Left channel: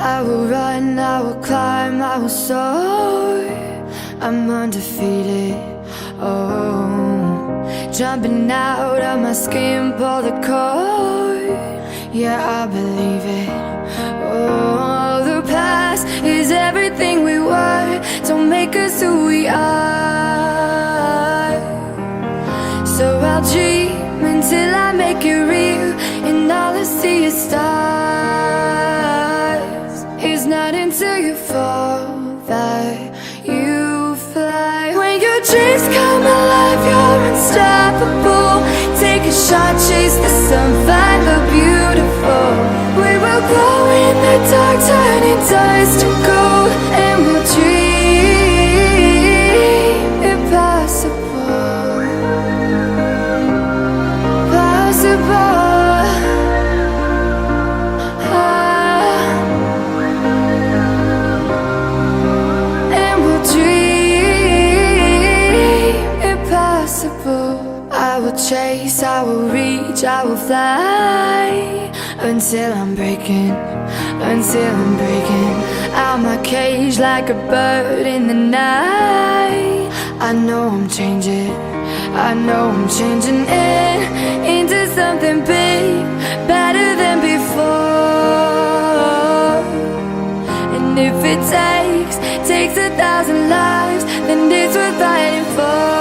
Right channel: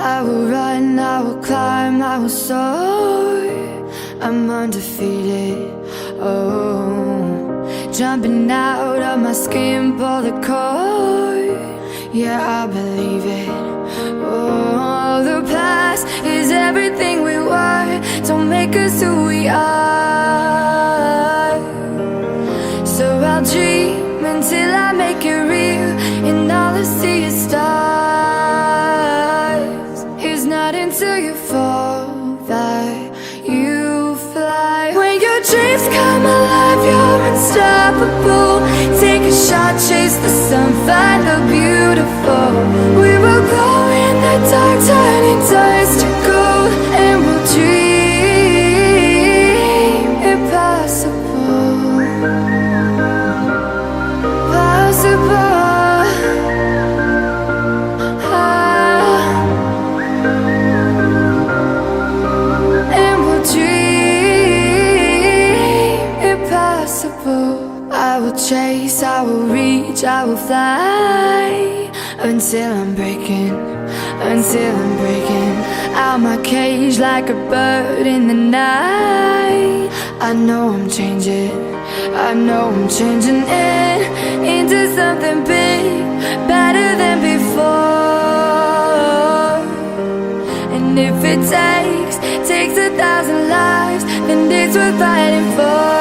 I will run, I will climb, I will soar. I'm undefeated, oh. Jumping out of my skin, pull the cord. Yeah, I believe it. Oh, the past is everything we were. Don't make us who we are. So I'll dream until I make it real, and all I see is stars. It's not until you fall that you fly. When your dreams come alive, you're unstoppable. Take a shot, chase the sun, find the beautiful. We will glow in the dark, turning dust to gold, and we'll dream impossible. Possible. And we'll dream impossible. I will chase, I will reach, I will fly until I'm breaking, until I'm breaking out my cage like a bird in the night. I know I'm changing, I know I'm changing it into something big, better than before. And if it takes 1,000 lives, then it's worth fighting for.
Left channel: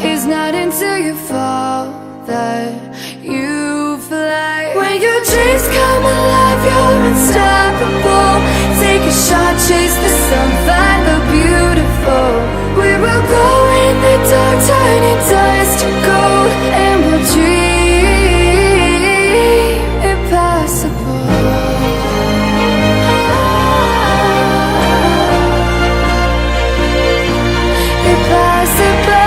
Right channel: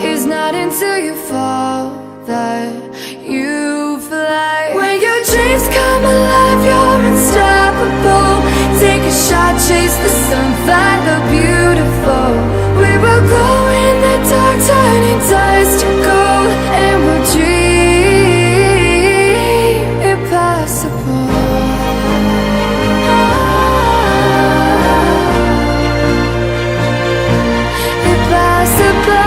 It's not until you fall that you fly. When your dreams come alive, you're unstoppable. Take a shot, chase the sun, find the beautiful. We will go in the dark, turning dust to gold, and we'll dream impossible. Impossible.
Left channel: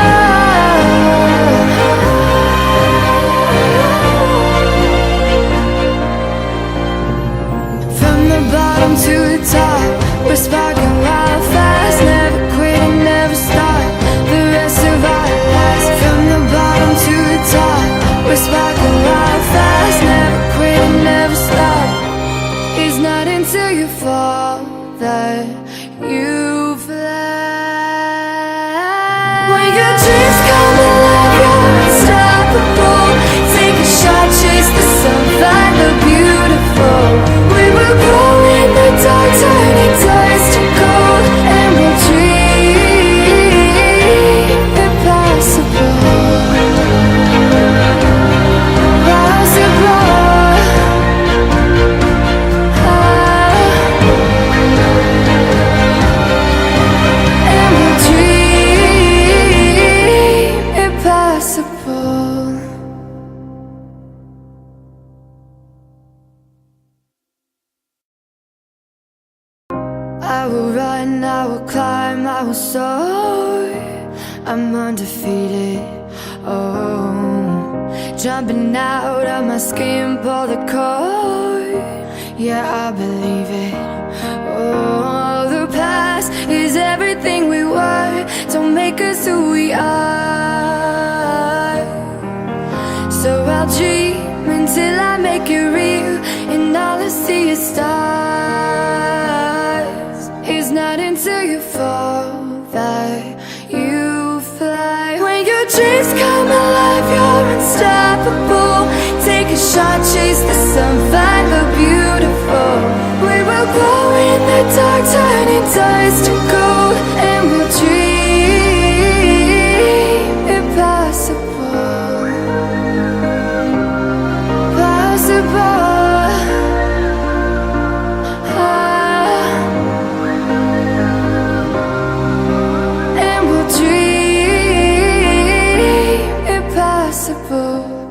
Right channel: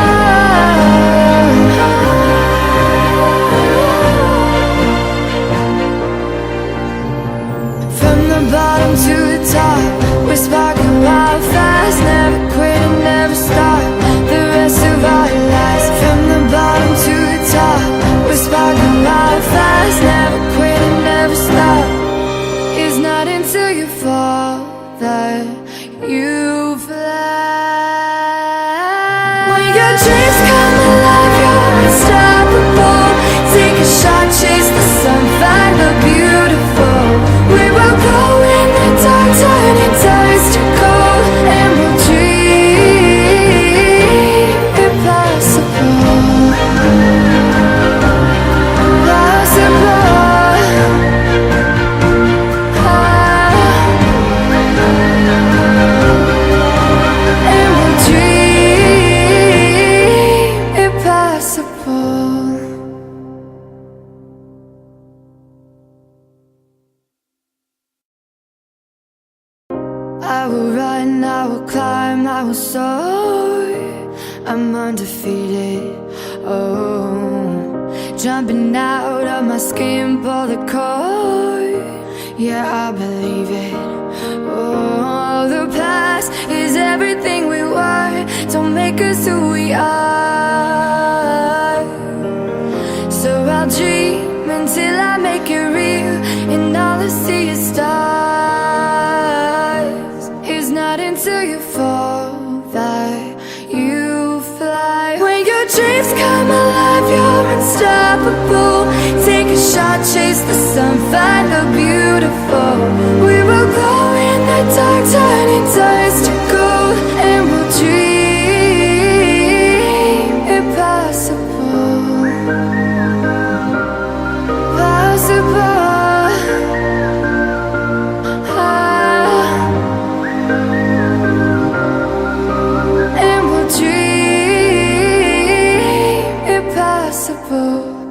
From the bottom to the top, we're sparking wild fast. Never quit and never stop the rest of our lives. From the bottom to the top, we're sparking wild fast. Never quit and never stop. It's not until you fall that you fly. When your dreams come alive, you're unstoppable. Take a shot, chase the sun, find the beautiful. We will glow in the dark, turning dust to gold, and we'll dream impossible. Possible. And we'll dream impossible. I will run, I will climb, I will soar. I'm undefeated, oh. Jumping out of my skin, pull the cord. Yeah, I believe it. Oh, the past is everything we were. Don't make us who we are. So I'll dream until I make it real, and all I see is stars. It's not until you fall that you fly. When your dreams come alive, you're unstoppable. Take a shot, chase the sun, find the beautiful. We will glow in the dark, turning dust to gold, and we'll dream impossible. Possible.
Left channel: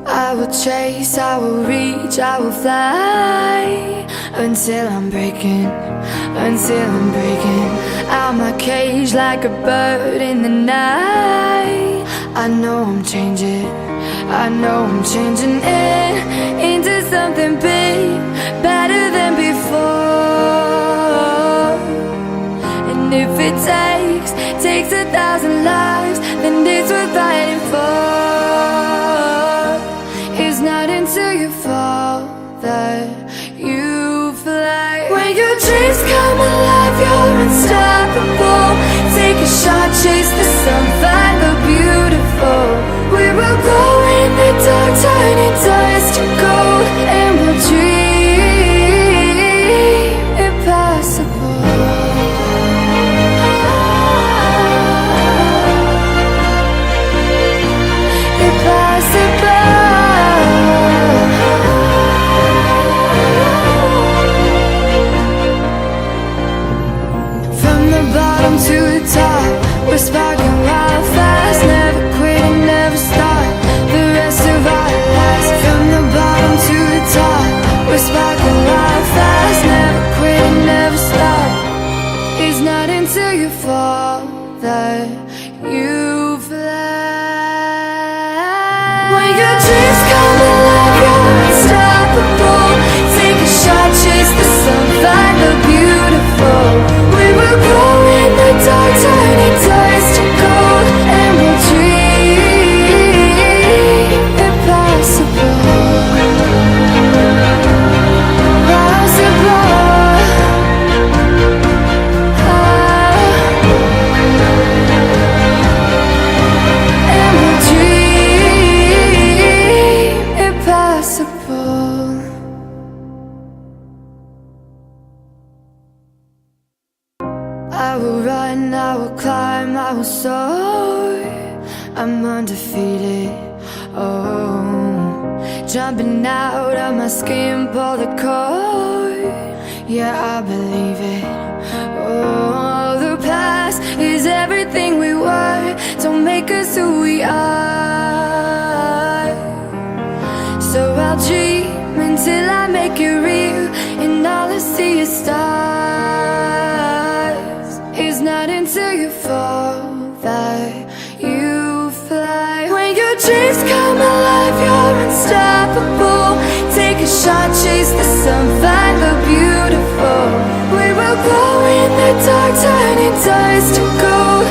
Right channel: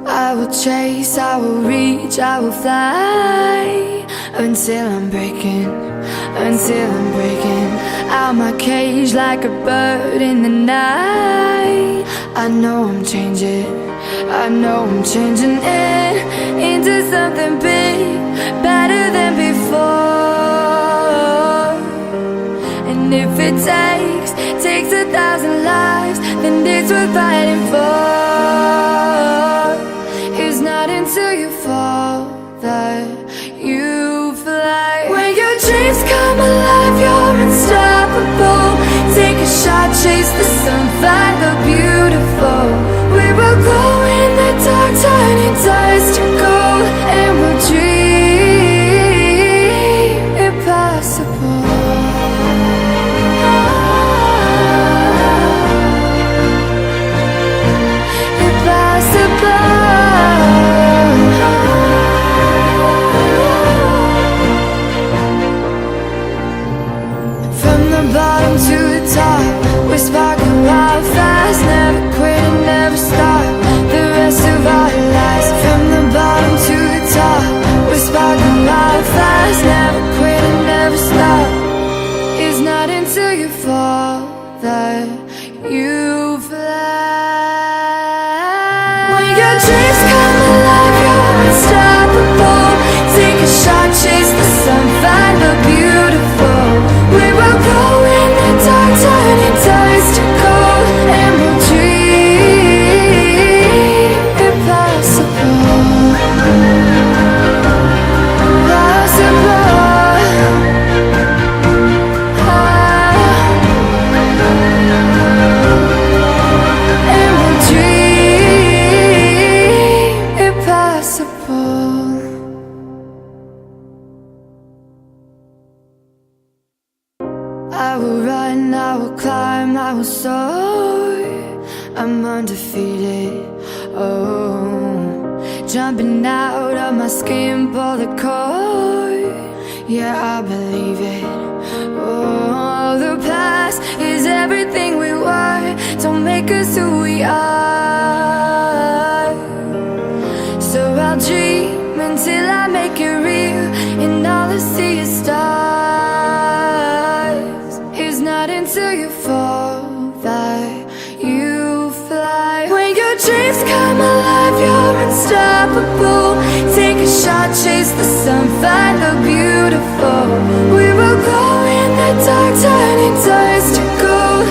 I will chase, I will reach, I will fly until I'm breaking, until I'm breaking out my cage like a bird in the night. I know I'm changing, I know I'm changing it into something big, better than before. And if it takes 1,000 lives, then it's worth fighting for. It's not until you fall that you come alive, you're unstoppable. Take a shot, chase the sun, find the beautiful. We will go in the dark, turning dust to gold, and we'll dream impossible. From the bottom to the top, we're sparking wild fast. Never quit and never stop the rest of our lives. From the bottom to the top, we're sparking wild fast. Never quit and never stop. It's not until you fall that you fly. When your dreams come alive, you're unstoppable. Take a shot, chase the sun, find the beautiful. We will go in the dark, turning dust to gold, and we'll dream impossible. Possible. And we'll dream impossible. I will run, I will climb, I will soar. I'm undefeated, oh. Jumping out of my skin, pull the cord. Yeah, I believe it. Oh, the past is everything we were. Don't make us who we are. So I'll dream until I make it real, and all I see is stars. It's not until you fall that you fly. When your dreams come alive, you're unstoppable. Take a shot, chase the sun, find the beautiful. We will go in the dark, turning dust to gold.